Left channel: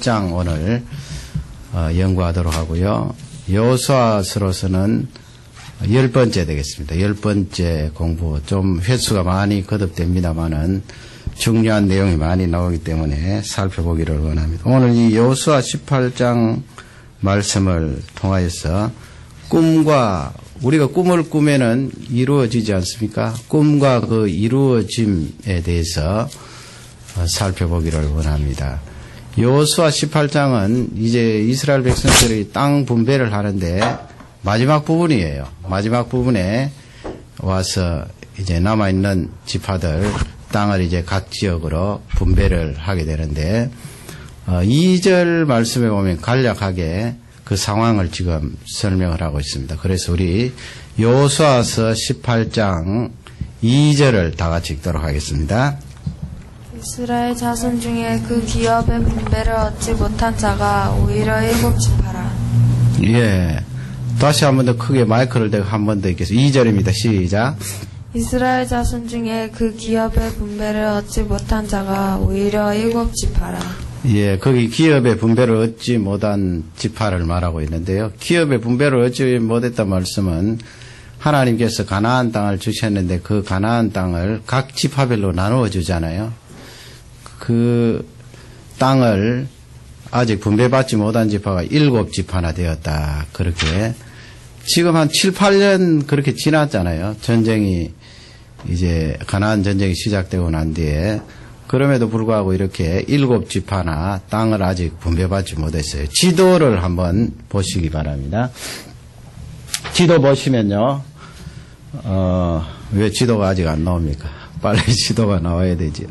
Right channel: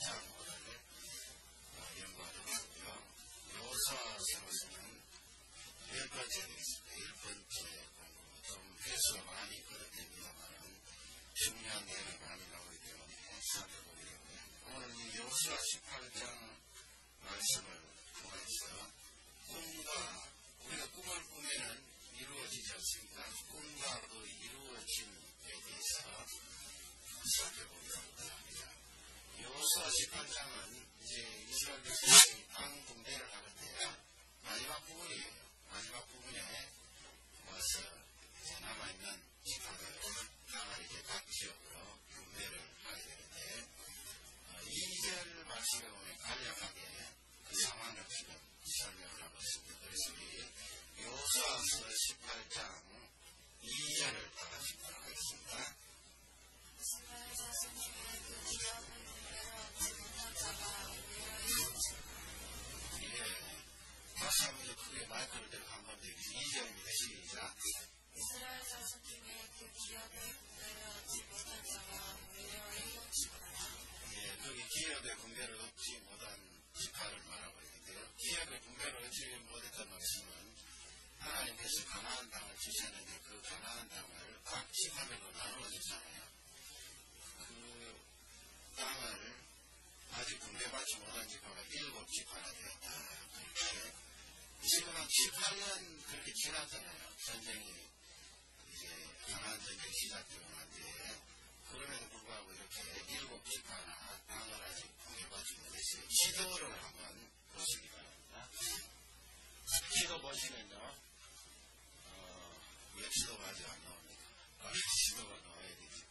장 오늘 연구하도록 하고요. 여호수아서로서는 10번째 되겠습니다. 10번째 공부. 좀 횟수가 많이 거듭됩니다만은 중요한 내용이 많이 나오기 때문에 살펴보기를 원합니다. 오늘 이 여호수아 18장 말씀을 통하여서 꿈과 우리가 꿈을 꾸면은 이루어지지 않습니까? 꿈과 그 이루어짐에 대해서 살펴보기를 원합니다. 여호수아 18장은 이제 이스라엘 백성들이 땅 분배를 하는데 마지막 부분이에요. 마지막 부분에 와서 이제 남아있는 지파들 땅을 이제 각 지역으로 분배를 하게 되는데 2절 말씀에 보면 간략하게 그 상황을 지금 설명을 하고 있습니다. 그래서 우리 여호수아서 18장 2절을 다 같이 읽도록 하겠습니다. 이스라엘 자손 중에 그 기업의 분배를 얻지 못한 자가 오히려 7지파라. 예. 다시 한 번 더 크게 마이크를 대고 한 번 더 읽겠습니다. 2절입니다. 시작. 이스라엘 자손 중에 그 기업의 분배를 얻지 못한 자가 오히려 7지파라. 예, 거기 기업의 분배를 얻지 못한 지파를 말하고 있는데요. 기업의 분배를 얻지 못했단 말씀은 하나님께서 가나안 땅을 주셨는데 그 가나안 땅을 각 지파별로 나누어 주잖아요. 그 땅을 아직 분배받지 못한 지파가 7지파나 되었다. 그렇게 지금 한 7, 8년 그렇게 지났잖아요. 전쟁이 이제 가나안 전쟁이 시작되고 난 뒤에 그럼에도 불구하고 이렇게 7지파나 땅을 아직 분배받지 못했어요. 지도를 한번 보시기 바랍니다. 지도 보시면요. 왜 지도가 아직 안 나옵니까? 빨리 지도가 나와야 되죠.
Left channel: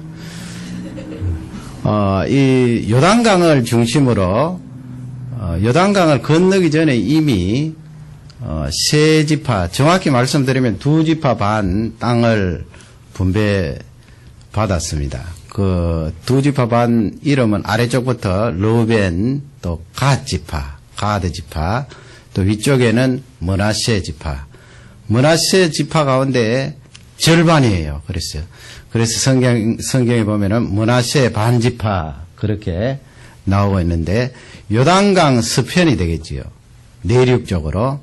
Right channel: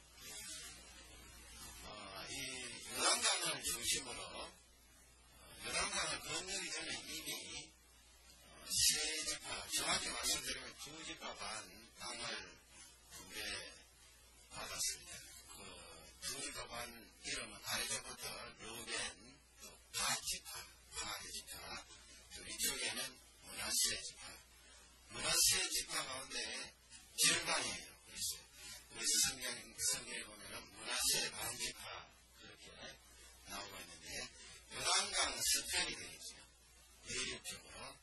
이 요단강을 중심으로 요단강을 건너기 전에 이미 세 지파, 정확히 말씀드리면 2지파 반 땅을 분배받았습니다. 그 2지파 반 이름은 아래쪽부터 르우벤, 또 갓지파, 가드 지파, 또 위쪽에는 므낫세 지파. 므낫세 지파 가운데 절반이에요. 그랬어요. 그래서 성경에 보면은 므낫세 반지파 그렇게 나오고 있는데 요단강 서편이 되겠지요. 내륙 쪽으로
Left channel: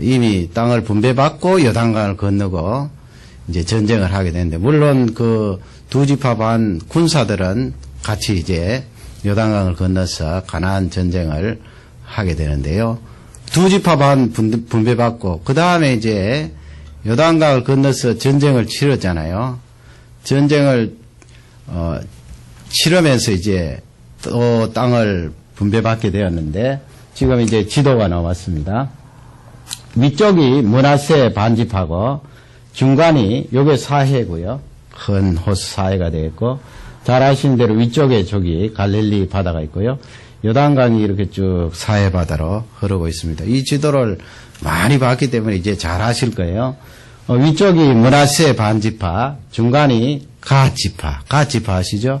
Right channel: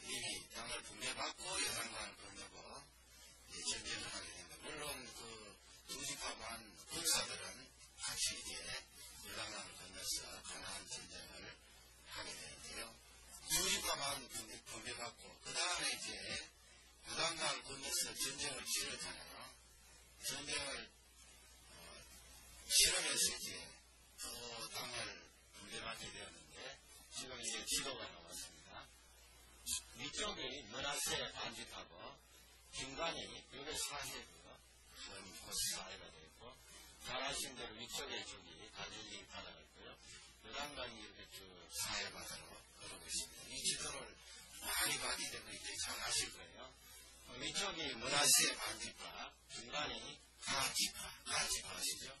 이미 땅을 분배받고 요단강을 건너고 이제 전쟁을 하게 되는데 물론 그 2지파 반 군사들은 같이 이제 요단강을 건너서 가나안 전쟁을 하게 되는데요. 2지파 반 분배받고 그 다음에 이제 요단강을 건너서 전쟁을 치렀잖아요. 전쟁을 치르면서 이제 또 땅을 분배받게 되었는데 지금 이제 지도가 나왔습니다. 위쪽이 므낫세 반지파고 중간이 요게 사해고요. 큰 호수 사해가 되겠고 잘 아시는 대로 위쪽에 저기 갈릴리 바다가 있고요. 요단강이 이렇게 쭉 사해 바다로 흐르고 있습니다. 이 지도를 많이 봤기 때문에 이제 잘 아실 거예요. 위쪽이 므낫세 반지파, 중간이 갓지파 아시죠?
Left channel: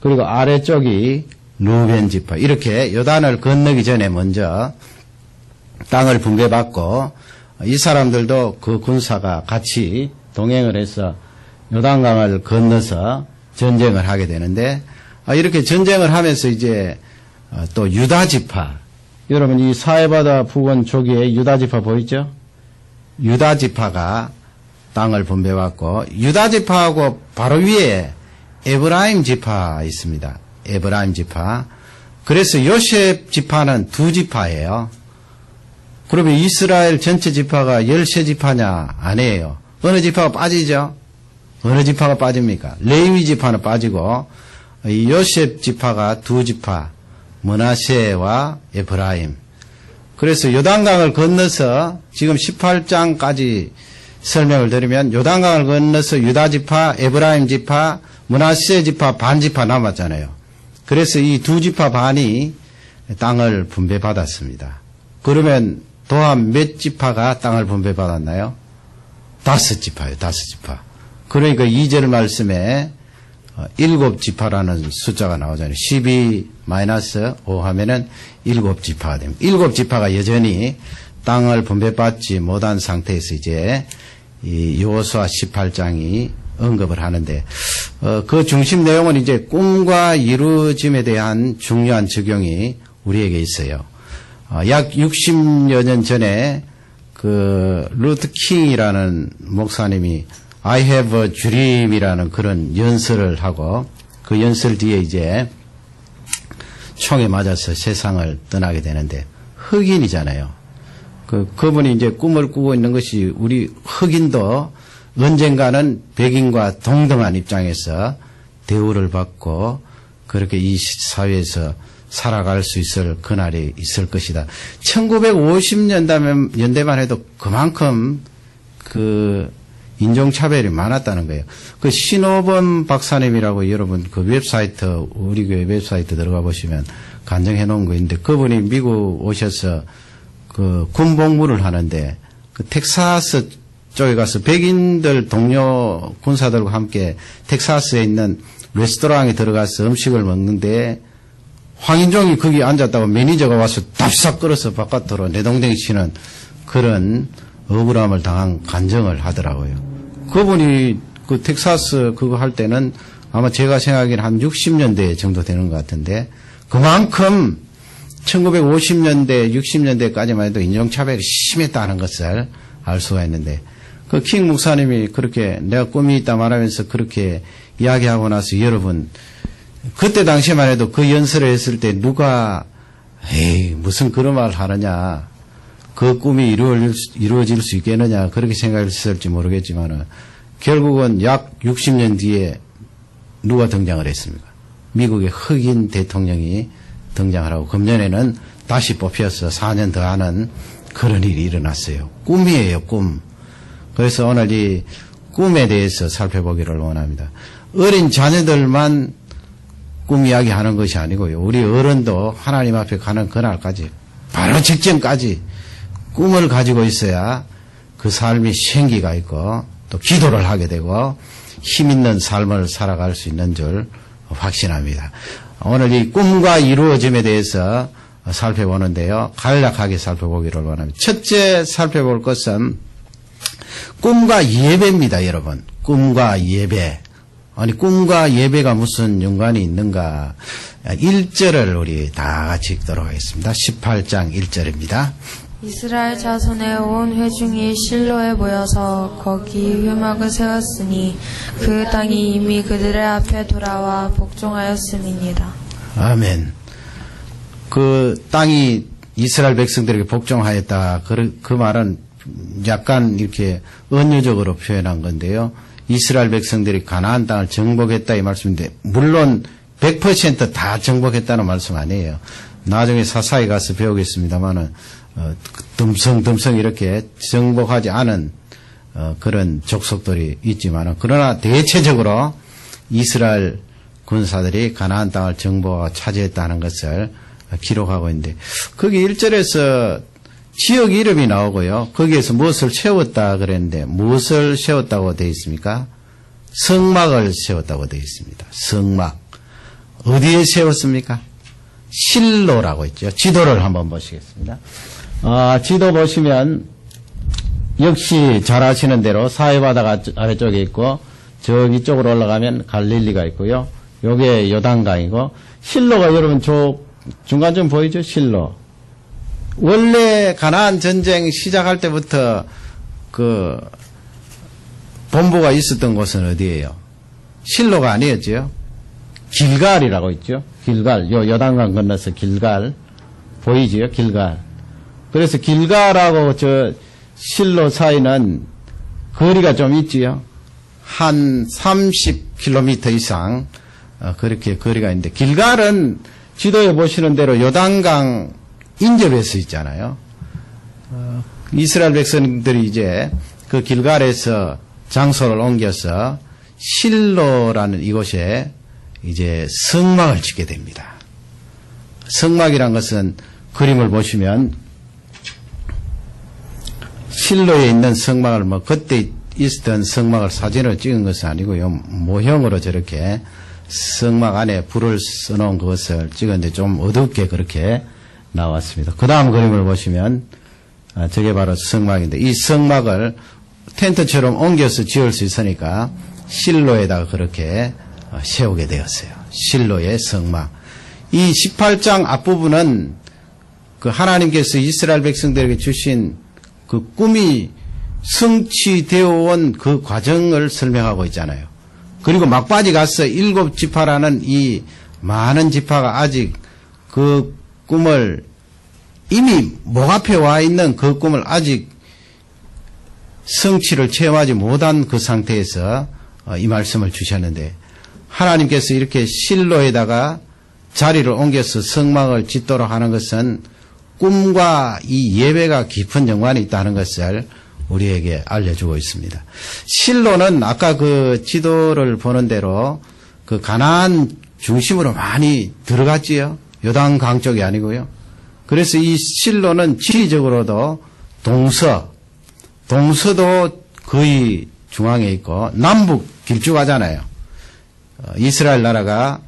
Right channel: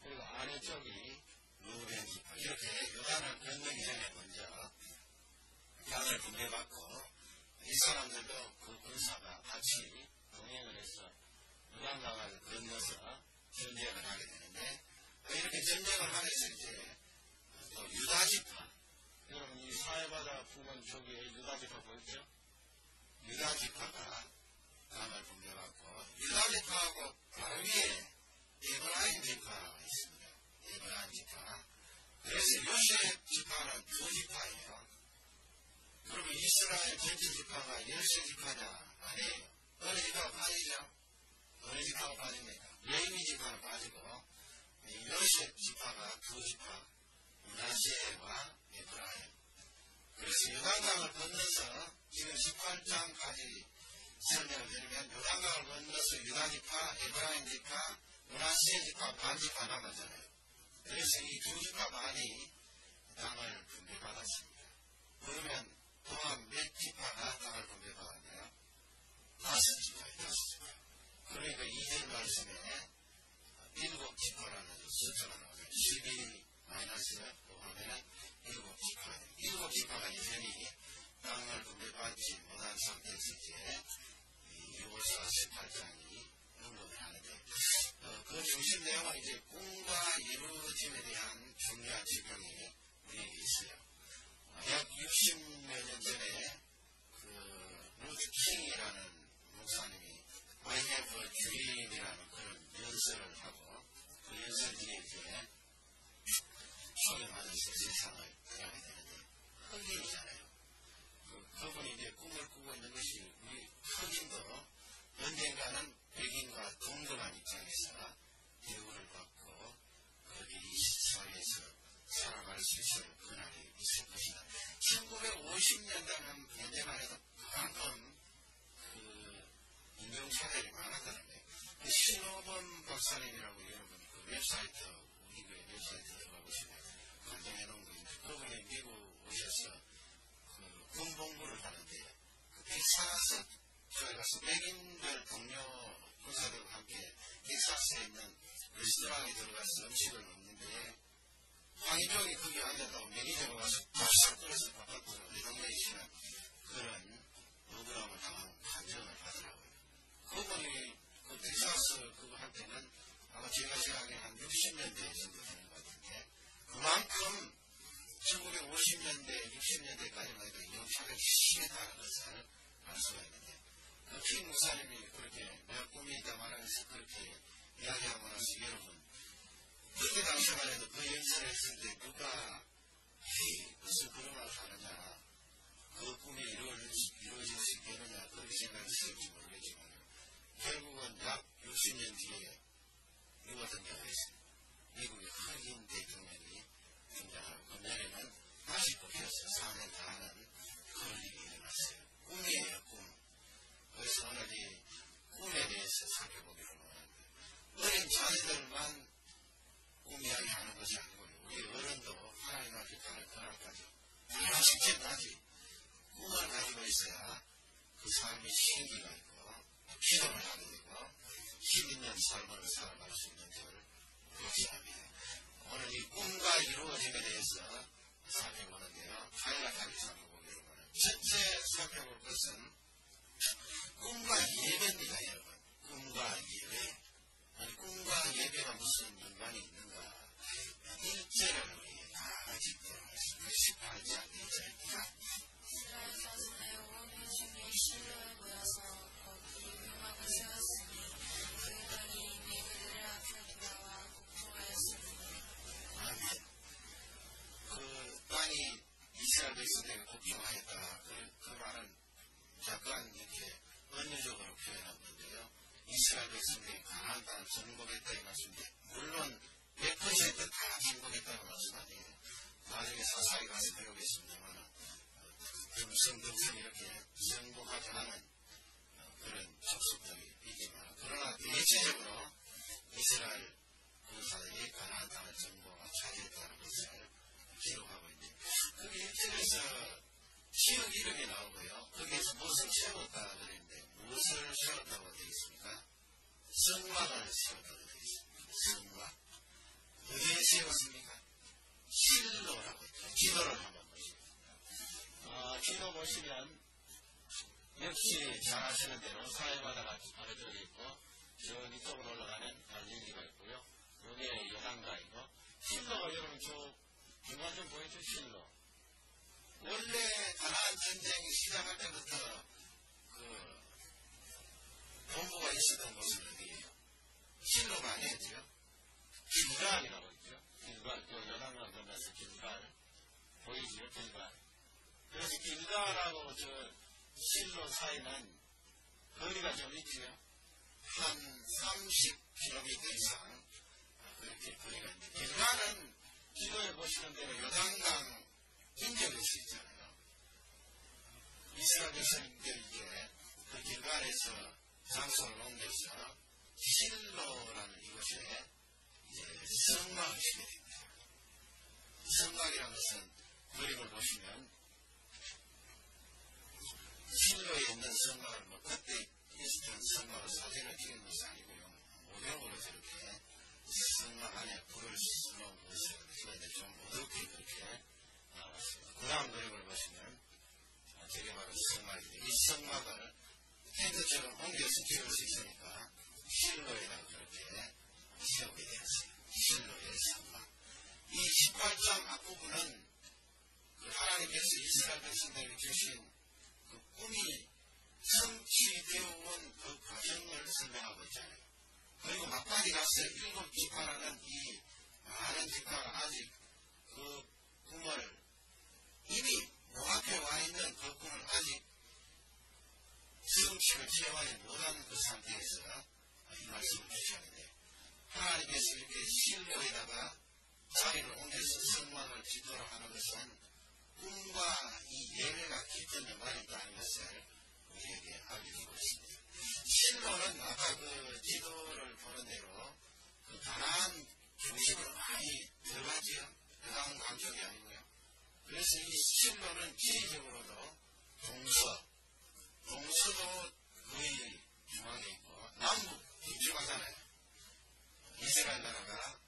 그리고 아래쪽이 르우벤 지파. 이렇게 요단을 건너기 전에 먼저 땅을 분배받고 이 사람들도 그 군사가 같이 동행을 해서 요단강을 건너서 전쟁을 하게 되는데 이렇게 전쟁을 하면서 이제 또 유다 지파. 여러분 이 사해바다 부근 조기에 유다 지파 보이죠? 유다 지파가 땅을 분배받고 유다 지파하고 바로 위에 에브라임 지파 있습니다. 에브라임 지파. 그래서 요셉 지파는 2지파예요. 그러면 이스라엘 전체 지파가 13지파냐? 아니에요. 어느 지파가 빠지죠? 어느 지파가 빠집니까? 레위 지파는 빠지고 이 요셉 지파가 2지파, 므낫세와 에브라임. 그래서 요단강을 건너서 지금 18장까지 설명을 드리면 요단강을 건너서 유다 지파, 에브라임 지파, 므낫세 지파, 반 지파 남았잖아요. 그래서 이 2지파 반이 땅을 분배받았습니다. 그러면 또한 몇 지파가 땅을 분배받았나요? 5지파예요. 5지파. 그러니까 2절 말씀에 7지파라는 숫자가 나오잖아요. 12-5 하면은 7지파가 됩니다. 7지파가 여전히 땅을 분배받지 못한 상태에서 이제 이 여호수아 18장이 언급을 하는데, 그 중심 내용은 이제 꿈과 이루어짐에 대한 중요한 적용이 우리에게 있어요. 약 60여 년 전에 그 루트 킹이라는 목사님이 I have a dream이라는 그런 연설을 하고 그 연설 뒤에 이제 총에 맞아서 세상을 떠나게 되는데 흑인이잖아요. 그분이 이제 꿈을 꾸고 있는 것이 우리 흑인도 언젠가는 백인과 동등한 입장에서 대우를 받고 그렇게 이 사회에서 살아갈 수 있을 그날이 있을 것이다. 1950년대만 해도 그만큼 그 인종차별이 많았다는 거예요. 그 신호범 박사님이라고 여러분 그 웹사이트, 우리 교회 웹사이트 들어가 보시면 간증해 놓은 거 있는데 그분이 미국 오셔서 그 군복무를 하는데 그 텍사스 쪽에 가서 백인들 동료 군사들과 함께 텍사스에 있는 레스토랑에 들어가서 음식을 먹는데 황인종이 거기 앉았다고 매니저가 와서 답싹 끌어서 바깥으로 내동댕이 치는 그런 억울함을 당한 간증을 하더라고요. 그분이 그 텍사스 그거 할 때는 아마 제가 생각하기에는 한 60년대 정도 되는 것 같은데 그만큼 1950년대, 60년대까지만 해도 인종차별이 심했다는 것을 알 수가 있는데 그 킹 목사님이 그렇게 내가 꿈이 있다 말하면서 그렇게 이야기하고 나서 여러분 그때 당시에만 해도 그 연설을 했을 때 누가 에이 무슨 그런 말 하느냐 그 꿈이 이루어질 수 있겠느냐 그렇게 생각했을지 모르겠지만 결국은 약 60년 뒤에 누가 등장을 했습니까? 미국의 흑인 대통령이 등장을 하고 금년에는 다시 뽑혀서 4년 더 하는 그런 일이 일어났어요. 꿈이에요, 꿈. 그래서 오늘 이 꿈에 대해서 살펴보기를 원합니다. 어린 자녀들만 꿈 이야기하는 것이 아니고요. 우리 어른도 하나님 앞에 가는 그날까지 바로 직전까지 꿈을 가지고 있어야 그 삶이 생기가 있고 또 기도를 하게 되고 힘 있는 삶을 살아갈 수 있는 줄 확신합니다. 오늘 이 꿈과 이루어짐에 대해서 살펴보는데요. 간략하게 살펴보기를 원합니다. 첫째 살펴볼 것은 꿈과 예배입니다, 여러분. 꿈과 예배. 아니, 꿈과 예배가 무슨 연관이 있는가. 1절을 우리 다 같이 읽도록 하겠습니다. 18장 1절입니다. 이스라엘 자손의 온 회중이 실로에 모여서 거기 회막을 세웠으니 그 땅이 이미 그들의 앞에 돌아와 복종하였음이니라. 아멘. 그 땅이 이스라엘 백성들에게 복종하였다. 그 말은 약간 이렇게 은유적으로 표현한 건데요. 이스라엘 백성들이 가나안 땅을 정복했다 이 말씀인데 물론 100% 다 정복했다는 말씀 아니에요. 나중에 사사히 가서 배우겠습니다만은 듬성듬성 이렇게 정복하지 않은 그런 족속들이 있지만은 그러나 대체적으로 이스라엘 군사들이 가나안 땅을 정복하고 차지했다는 것을 기록하고 있는데 거기 1절에서 지역 이름이 나오고요. 거기에서 무엇을 세웠다 그랬는데 무엇을 세웠다고 되어 있습니까? 성막을 세웠다고 되어 있습니다. 성막. 어디에 세웠습니까? 실로라고 있죠. 지도를 한번 보시겠습니다. 지도 보시면 역시 잘 아시는 대로 사해바다가 아래쪽에 있고 저기 쪽으로 올라가면 갈릴리가 있고요. 요게 요단강이고 실로가 여러분 저 중간 좀 보이죠? 실로. 원래 가나안 전쟁 시작할 때부터 그 본부가 있었던 곳은 어디예요? 실로가 아니었죠. 길갈이라고 있죠. 길갈. 요 요단강 건너서 길갈 보이지요? 길갈. 그래서 길갈하고 저 실로 사이는 거리가 좀 있지요. 한 30km 이상 그렇게 거리가 있는데 길갈은 지도에 보시는 대로 요단강 인접해 서 있잖아요. 이스라엘 백성들이 이제 그 길갈에서 장소를 옮겨서 실로라는 이곳에 이제 성막을 짓게 됩니다. 성막이란 것은 그림을 보시면 실로에 있는 성막을 뭐 그때 있었던 성막을 사진으로 찍은 것은 아니고요. 모형으로 저렇게 성막 안에 불을 써놓은 것을 찍었는데 좀 어둡게 그렇게 나왔습니다. 그 다음 그림을 보시면 저게 바로 성막인데 이 성막을 텐트처럼 옮겨서 지을 수 있으니까 실로에다가 그렇게 세우게 되었어요. 실로의 성막. 이 18장 앞부분은 그 하나님께서 이스라엘 백성들에게 주신 그 꿈이 성취되어 온 그 과정을 설명하고 있잖아요. 그리고 막바지 가서 7지파라는 이 많은 지파가 아직 그 꿈을 이미 목 앞에 와 있는 그 꿈을 아직 성취를 체험하지 못한 그 상태에서 이 말씀을 주셨는데, 하나님께서 이렇게 실로에다가 자리를 옮겨서 성막을 짓도록 하는 것은 꿈과 이 예배가 깊은 연관이 있다는 것을 우리에게 알려주고 있습니다. 실로는 아까 그 지도를 보는 대로 그 가나안 중심으로 많이 들어갔지요. 요단강 쪽이 아니고요. 그래서 이 실로는 지리적으로도 동서도 거의 중앙에 있고 남북 길쭉하잖아요. 이스라엘 나라가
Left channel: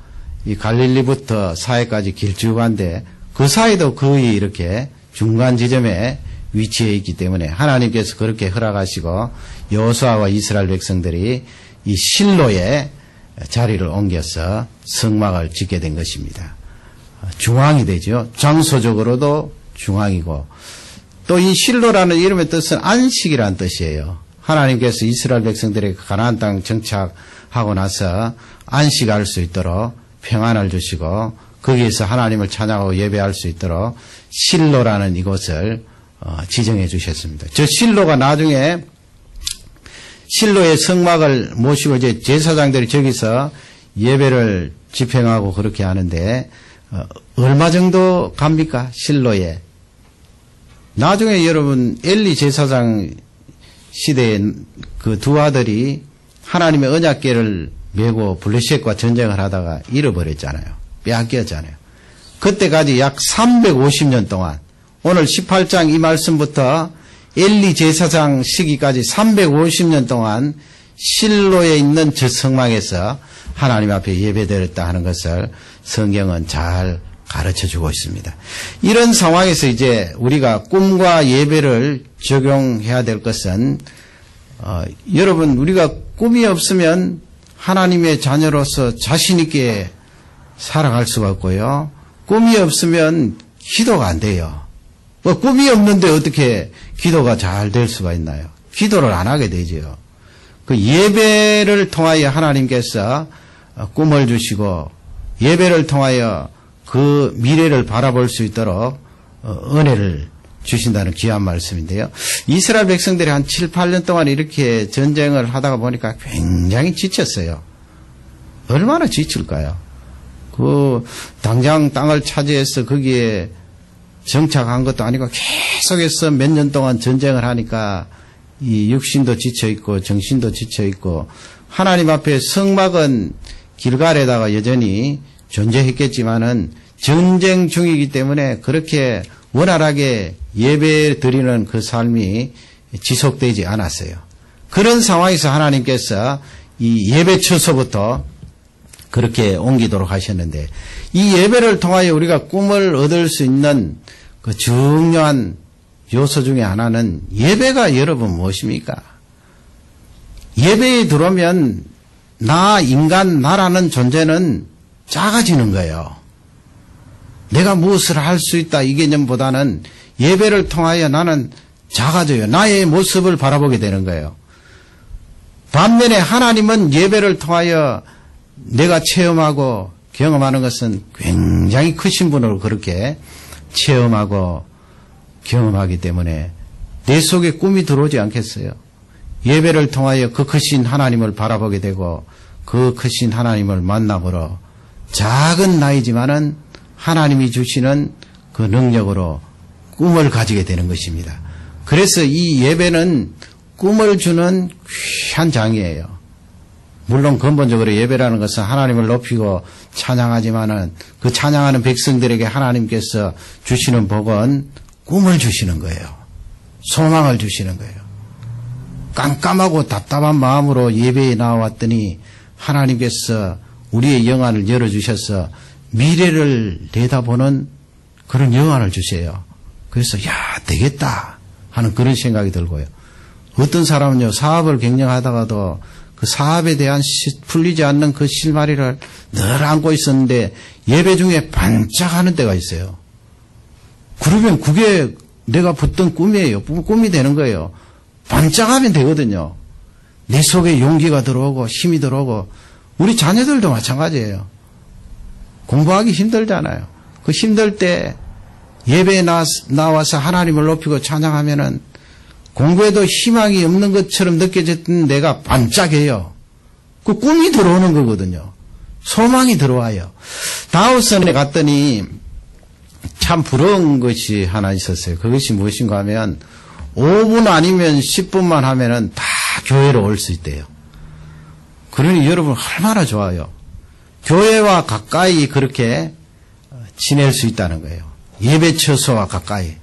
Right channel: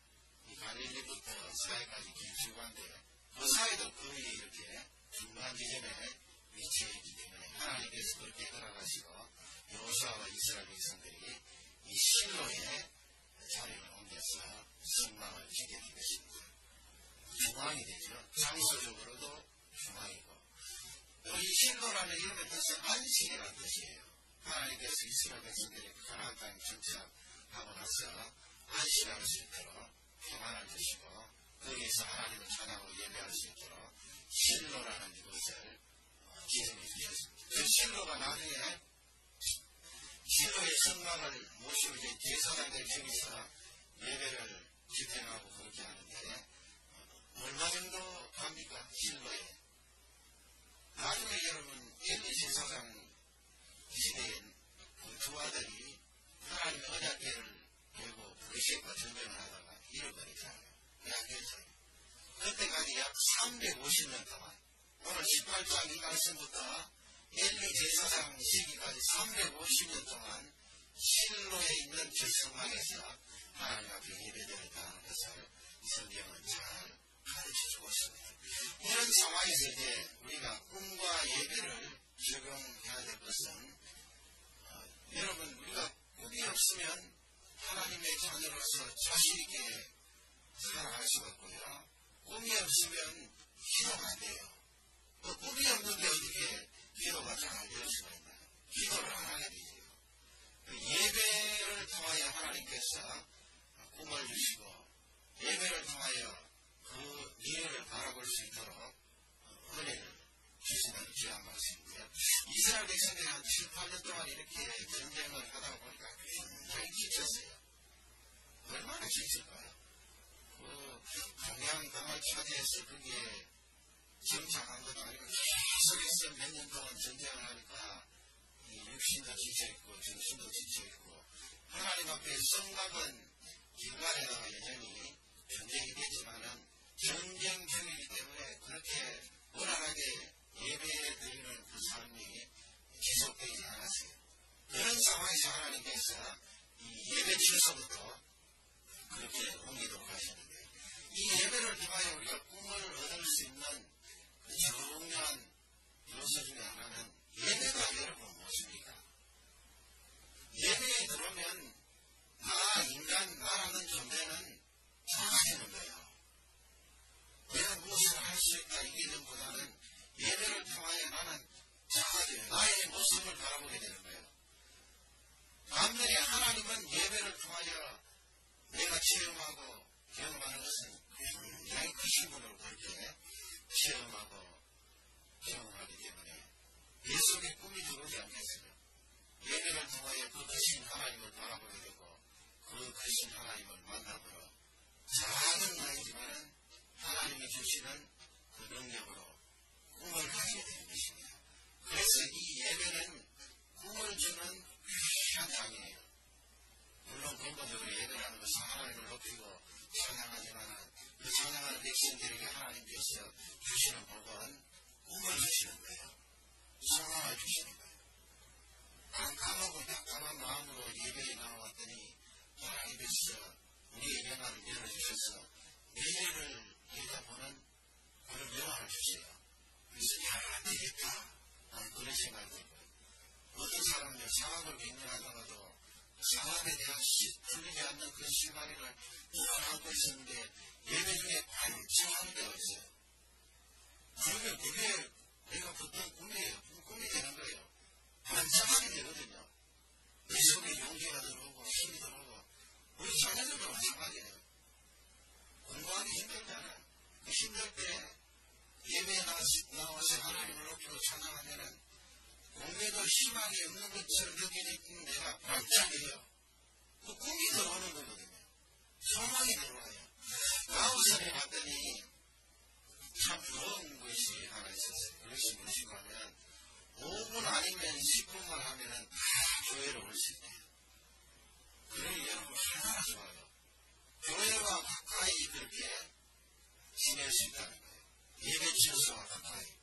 이 갈릴리부터 사해까지 길쭉한데 그 사이도 거의 이렇게 중간 지점에 위치해 있기 때문에 하나님께서 그렇게 허락하시고 여호수아와 이스라엘 백성들이 이 실로에 자리를 옮겨서 성막을 짓게 된 것입니다. 중앙이 되죠. 장소적으로도 중앙이고, 또 이 실로라는 이름의 뜻은 안식이라는 뜻이에요. 하나님께서 이스라엘 백성들에게 가나안 땅 정착하고 나서 안식할 수 있도록 평안을 주시고 거기에서 하나님을 찬양하고 예배할 수 있도록 실로라는 이곳을 지정해 주셨습니다. 저 실로가 나중에 실로의 성막을 모시고 이제 제사장들이 저기서 예배를 집행하고 그렇게 하는데 얼마 정도 갑니까? 실로에. 나중에 여러분 엘리 제사장 시대에 그 두 아들이 하나님의 언약궤를 메고 블레셋과 전쟁을 하다가 잃어버렸잖아요. 빼앗겼잖아요. 그때까지 약 350년 동안, 오늘 18장 이 말씀부터 엘리 제사장 시기까지 350년 동안 실로에 있는 저 성막에서 하나님 앞에 예배드렸다 하는 것을 성경은 잘 가르쳐주고 있습니다. 이런 상황에서 이제 우리가 꿈과 예배를 적용해야 될 것은 여러분, 우리가 꿈이 없으면 하나님의 자녀로서 자신 있게 살아갈 수가 없고요. 꿈이 없으면 기도가 안 돼요. 꿈이 없는데 어떻게 기도가 잘 될 수가 있나요? 기도를 안 하게 되죠. 그 예배를 통하여 하나님께서 꿈을 주시고 예배를 통하여 그 미래를 바라볼 수 있도록 은혜를 주신다는 귀한 말씀인데요. 이스라엘 백성들이 한 7, 8년 동안 이렇게 전쟁을 하다가 보니까 굉장히 지쳤어요. 얼마나 지칠까요? 당장 땅을 차지해서 거기에 정착한 것도 아니고 계속해서 몇 년 동안 전쟁을 하니까 이 육신도 지쳐있고 정신도 지쳐있고, 하나님 앞에 성막은 길갈에다가 여전히 존재했겠지만은 전쟁 중이기 때문에 그렇게 원활하게 예배 드리는 그 삶이 지속되지 않았어요. 그런 상황에서 하나님께서 이 예배 처소부터 그렇게 옮기도록 하셨는데, 이 예배를 통하여 우리가 꿈을 얻을 수 있는 그 중요한 요소 중에 하나는 예배가 여러분 무엇입니까? 예배에 들어오면 나라는 존재는 작아지는 거예요. 내가 무엇을 할 수 있다 이 개념보다는 예배를 통하여 나는 작아져요. 나의 모습을 바라보게 되는 거예요. 반면에 하나님은 예배를 통하여 내가 체험하고 경험하는 것은 굉장히 크신 분으로 그렇게 체험하고 경험하기 때문에 내 속에 꿈이 들어오지 않겠어요? 예배를 통하여 그 크신 하나님을 바라보게 되고 그 크신 하나님을 만나보러 작은 나이지만은 하나님이 주시는 그 능력으로 꿈을 가지게 되는 것입니다. 그래서 이 예배는 꿈을 주는 귀한 장이에요. 물론 근본적으로 예배라는 것은 하나님을 높이고 찬양하지만은 그 찬양하는 백성들에게 하나님께서 주시는 복은 꿈을 주시는 거예요. 소망을 주시는 거예요. 깜깜하고 답답한 마음으로 예배에 나왔더니 하나님께서 우리의 영안을 열어주셔서 미래를 내다보는 그런 영안을 주세요. 그래서 되겠다 하는 그런 생각이 들고요. 어떤 사람은요, 사업을 경영하다가도 그 사업에 대한 풀리지 않는 그 실마리를 늘 안고 있었는데 예배 중에 반짝하는 때가 있어요. 그러면 그게 내가 붙던 꿈이에요. 꿈이 되는 거예요. 반짝하면 되거든요. 내 속에 용기가 들어오고 힘이 들어오고 우리 자녀들도 마찬가지예요. 공부하기 힘들잖아요. 그 힘들 때 예배에 나와서 하나님을 높이고 찬양하면은 공부에도 희망이 없는 것처럼 느껴졌던 내가 반짝해요. 그 꿈이 들어오는 거거든요. 소망이 들어와요. 다우슨에 갔더니 참 부러운 것이 하나 있었어요. 그것이 무엇인가 하면 5분 아니면 10분만 하면은 다 교회로 올 수 있대요. 그러니 여러분 얼마나 좋아요. 교회와 가까이 그렇게 지낼 수 있다는 거예요. 예배 처소와 가까이.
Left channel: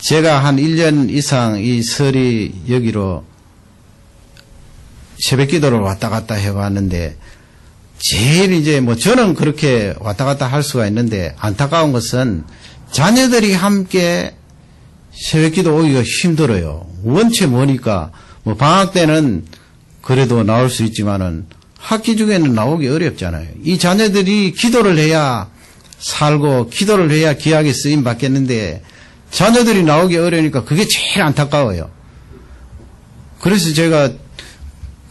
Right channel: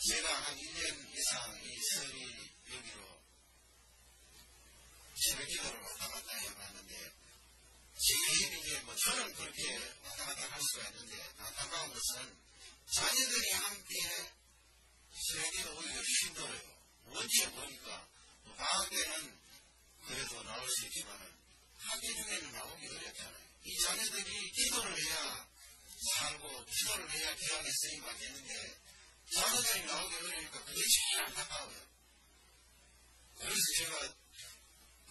제가 한 1년 이상 이 설이 여기로 새벽 기도를 왔다 갔다 해왔는데 제일 이제 저는 그렇게 왔다 갔다 할 수가 있는데 안타까운 것은 자녀들이 함께 새벽 기도 오기가 힘들어요. 원체 뭐니까 방학 때는 그래도 나올 수 있지만은 학기 중에는 나오기 어렵잖아요. 이 자녀들이 기도를 해야 살고 기도를 해야 귀하게 쓰임 받겠는데 자녀들이 나오기 어려우니까 그게 제일 안타까워요. 그래서 제가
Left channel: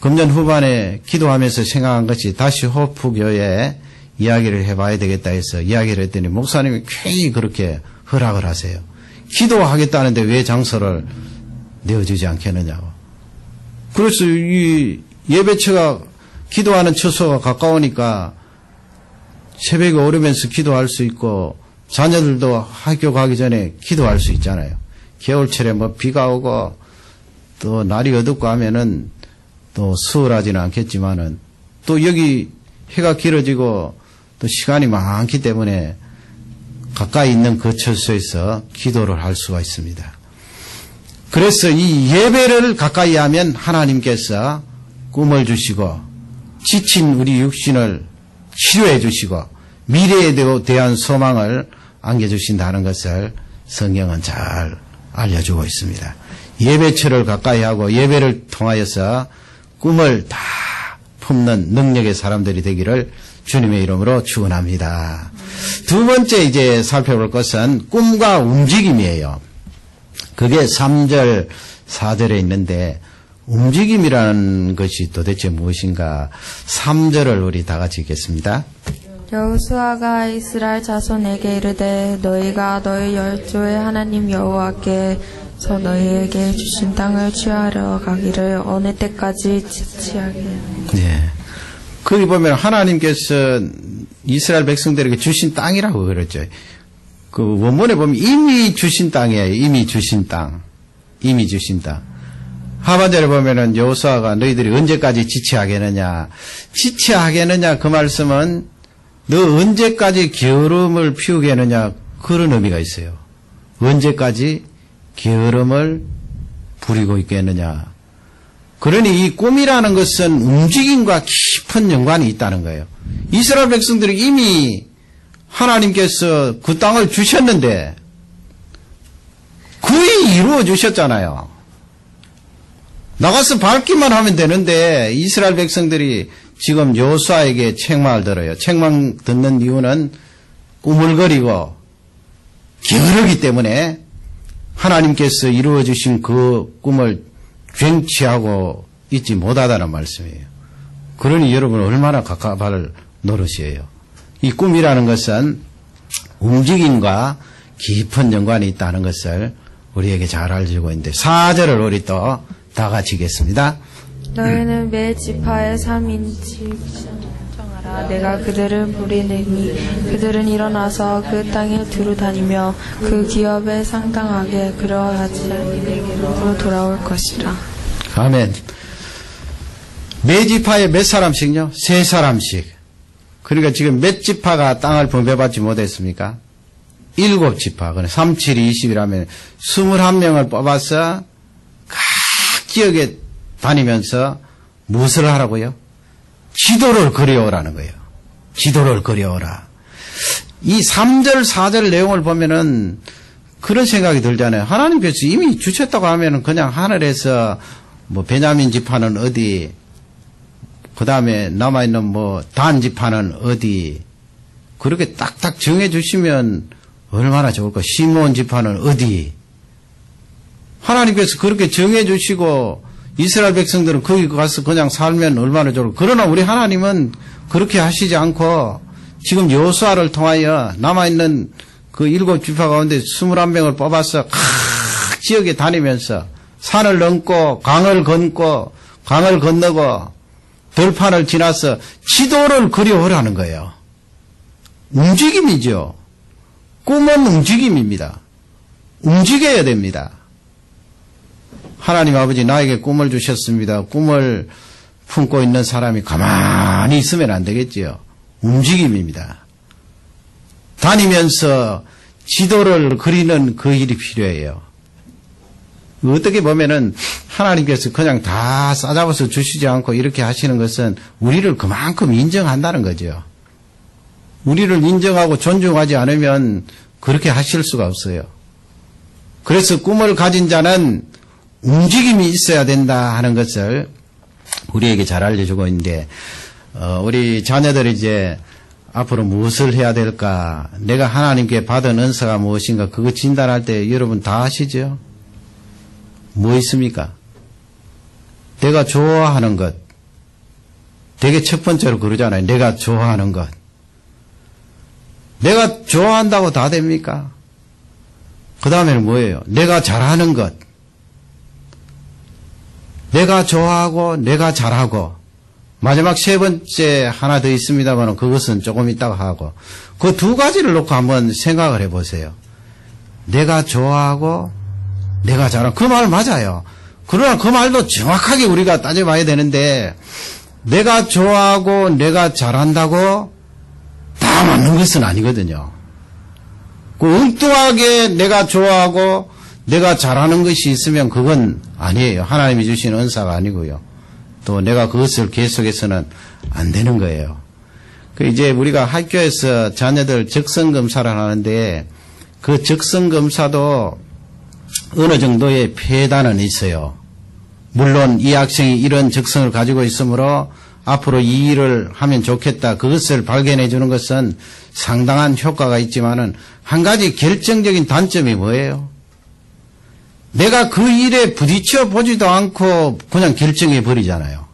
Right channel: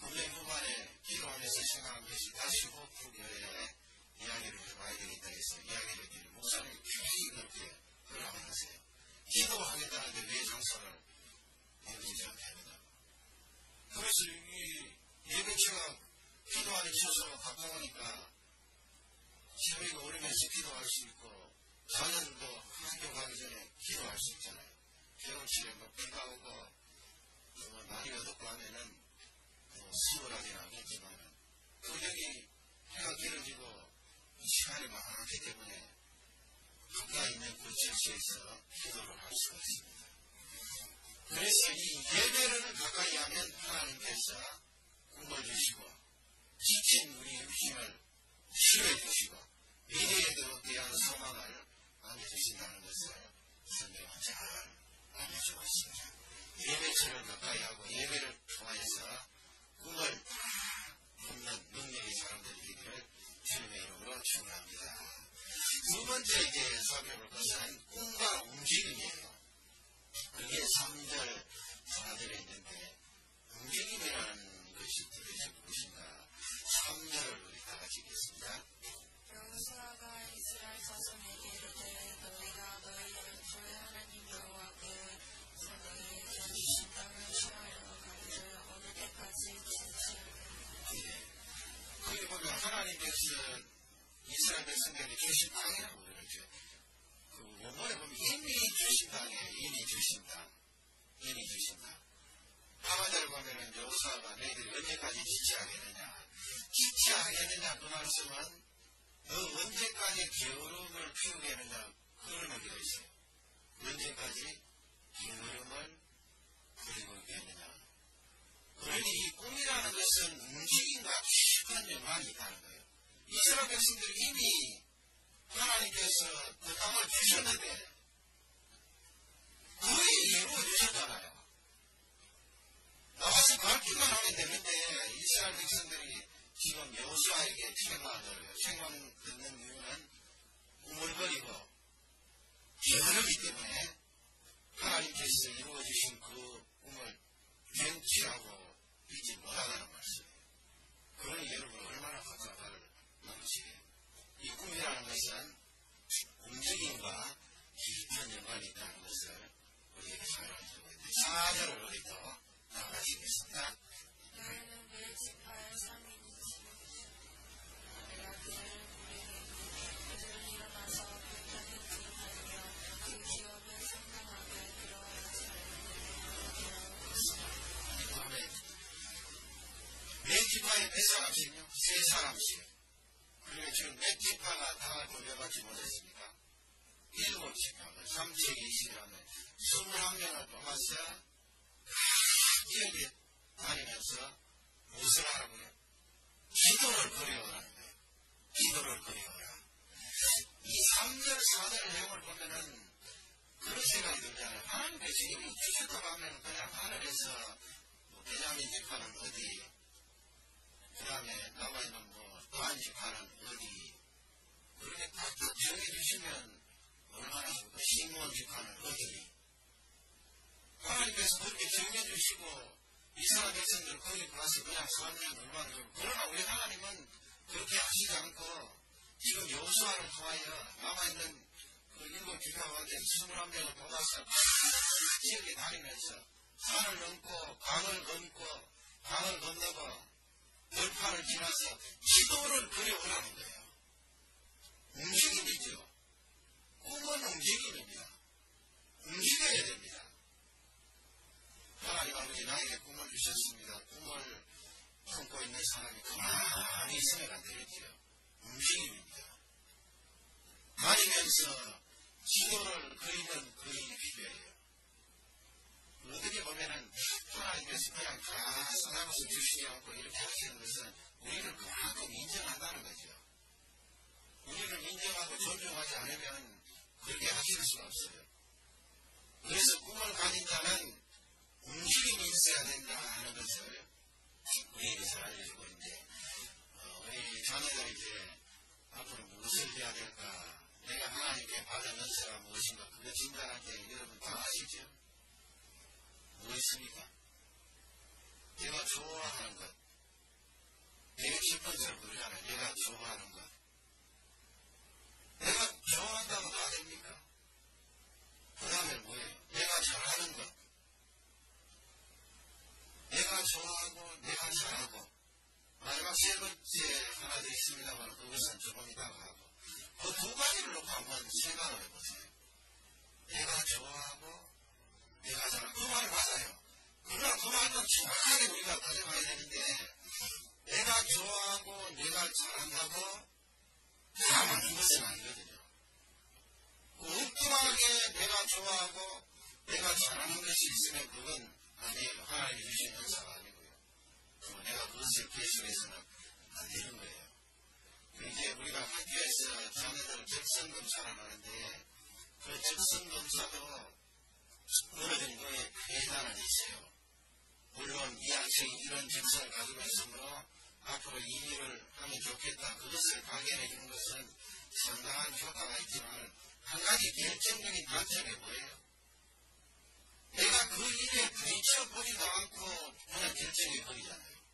금년 후반에 기도하면서 생각한 것이 다시 호프교회에 이야기를 해봐야 되겠다 해서 이야기를 했더니 목사님이 괜히 그렇게 허락을 하세요. 기도하겠다는데 왜 장소를 내어주지 않겠느냐고. 그래서 이 예배처가 기도하는 처소가 가까우니까 새벽에 오르면서 기도할 수 있고 자녀들도 학교 가기 전에 기도할 수 있잖아요. 겨울철에 비가 오고 또 날이 어둡고 하면은 또 수월하지는 않겠지만은 또 여기 해가 길어지고 또 시간이 많기 때문에 가까이 있는 그 처소에서 기도를 할 수가 있습니다. 그래서 이 예배를 가까이 하면 하나님께서 꿈을 주시고 지친 우리 육신을 치료해 주시고 미래에 대한 소망을 안겨주신다는 것을 성경은 잘 알려주고 있습니다. 예배처를 가까이 하고 예배를 통하여서 꿈을 다 품는 능력의 사람들이 되기를 주님의 이름으로 축원합니다. 두 번째 이제 살펴볼 것은 꿈과 움직임이에요. 그게 3절, 4절에 있는데 움직임이라는 것이 도대체 무엇인가? 3절을 우리 다 같이 읽겠습니다. 여호수아가 이스라엘 자손에게 이르되 너희가 너희 열조의 하나님 여호와께서 너희에게 주신 땅을 취하러 가기를 어느 때까지 지체하게. 네. 거기 보면 하나님께서 이스라엘 백성들에게 주신 땅이라고 그랬죠. 그 원문에 보면 이미 주신 땅이에요. 이미 주신 땅. 이미 주신 땅. 하반절에 보면은 여호수아가 너희들이 언제까지 지체하겠느냐. 지체하겠느냐 그 말씀은 너 언제까지 게으름을 피우겠느냐 그런 의미가 있어요. 언제까지 게으름을 부리고 있겠느냐. 그러니 이 꿈이라는 것은 움직임과 깊은 연관이 있다는 거예요. 이스라엘 백성들이 이미 하나님께서 그 땅을 주셨는데 거의 이루어 주셨잖아요. 나가서 밟기만 하면 되는데 이스라엘 백성들이 지금 여호수아에게 책망을 들어요. 책망 듣는 이유는 꾸물거리고 게으르기 때문에 하나님께서 이루어 주신 그 꿈을 쟁취하고 있지 못하다는 말씀이에요. 그러니 여러분 얼마나 갑갑할 노릇이에요. 이 꿈이라는 것은 움직임과 깊은 연관이 있다는 것을 우리에게 잘 알려주고 있는데 4절을 우리 또 다 같이 읽겠습니다. 너희는 매 지파에 3인씩 정하라. 내가 그들을 부리내니 그들은 일어나서 그 땅에 두루 다니며 그 기업에 상당하게 그러하지 내게로 돌아올 것이라. 아멘. 매 지파에 몇 사람씩요? 3사람씩. 그러니까 지금 몇 지파가 땅을 분배받지 못했습니까? 7지파. 그래 3, 7, 20이라면 21명을 뽑아서 각 지역에 다니면서 무엇을 하라고요? 지도를 그려오라는 거예요. 지도를 그려오라. 이 3절, 4절 내용을 보면은 그런 생각이 들잖아요. 하나님께서 이미 주셨다고 하면은 그냥 하늘에서 베냐민 지파는 어디, 그 다음에 남아있는 뭐 단지파는 어디, 그렇게 딱딱 정해주시면 얼마나 좋을까. 시므온 지파는 어디. 하나님께서 그렇게 정해주시고 이스라엘 백성들은 거기 가서 그냥 살면 얼마나 좋을까. 그러나 우리 하나님은 그렇게 하시지 않고 지금 여호수아를 통하여 남아있는 그 7지파 가운데 21명을 뽑아서 각 지역에 다니면서 산을 넘고 강을 건고 강을 건너고 들판을 지나서 지도를 그려오라는 거예요. 움직임이죠. 꿈은 움직임입니다. 움직여야 됩니다. 하나님 아버지 나에게 꿈을 주셨습니다. 꿈을 품고 있는 사람이 가만히 있으면 안 되겠지요. 움직임입니다. 다니면서 지도를 그리는 그 일이 필요해요. 어떻게 보면은 하나님께서 그냥 다 싸잡아서 주시지 않고 이렇게 하시는 것은 우리를 그만큼 인정한다는 거죠. 우리를 인정하고 존중하지 않으면 그렇게 하실 수가 없어요. 그래서 꿈을 가진 자는 움직임이 있어야 된다 하는 것을 우리에게 잘 알려주고 있는데, 우리 자녀들이 이제 앞으로 무엇을 해야 될까, 내가 하나님께 받은 은사가 무엇인가, 그거 진단할 때 여러분 다 아시죠? 뭐 있습니까? 내가 좋아하는 것. 되게 첫 번째로 그러잖아요. 내가 좋아하는 것. 내가 좋아한다고 다 됩니까? 그 다음에는 뭐예요? 내가 잘하는 것. 내가 좋아하고 내가 잘하고. 마지막 세 번째 하나 더 있습니다만 그것은 조금 이따가 하고. 그 두 가지를 놓고 한번 생각을 해보세요. 내가 좋아하고 내가 잘하고. 그 말 맞아요. 그러나 그 말도 정확하게 우리가 따져봐야 되는데, 내가 좋아하고 내가 잘한다고 다 맞는 것은 아니거든요. 그 엉뚱하게 내가 좋아하고 내가 잘하는 것이 있으면 그건 아니에요. 하나님이 주신 은사가 아니고요. 또 내가 그것을 계속해서는 안 되는 거예요. 그 이제 우리가 학교에서 자녀들 적성검사를 하는데, 그 적성검사도 어느 정도의 폐단은 있어요. 물론 이 학생이 이런 적성을 가지고 있으므로 앞으로 이 일을 하면 좋겠다, 그것을 발견해 주는 것은 상당한 효과가 있지만은 한 가지 결정적인 단점이 뭐예요? 내가 그 일에 부딪혀 보지도 않고 그냥 결정해 버리잖아요.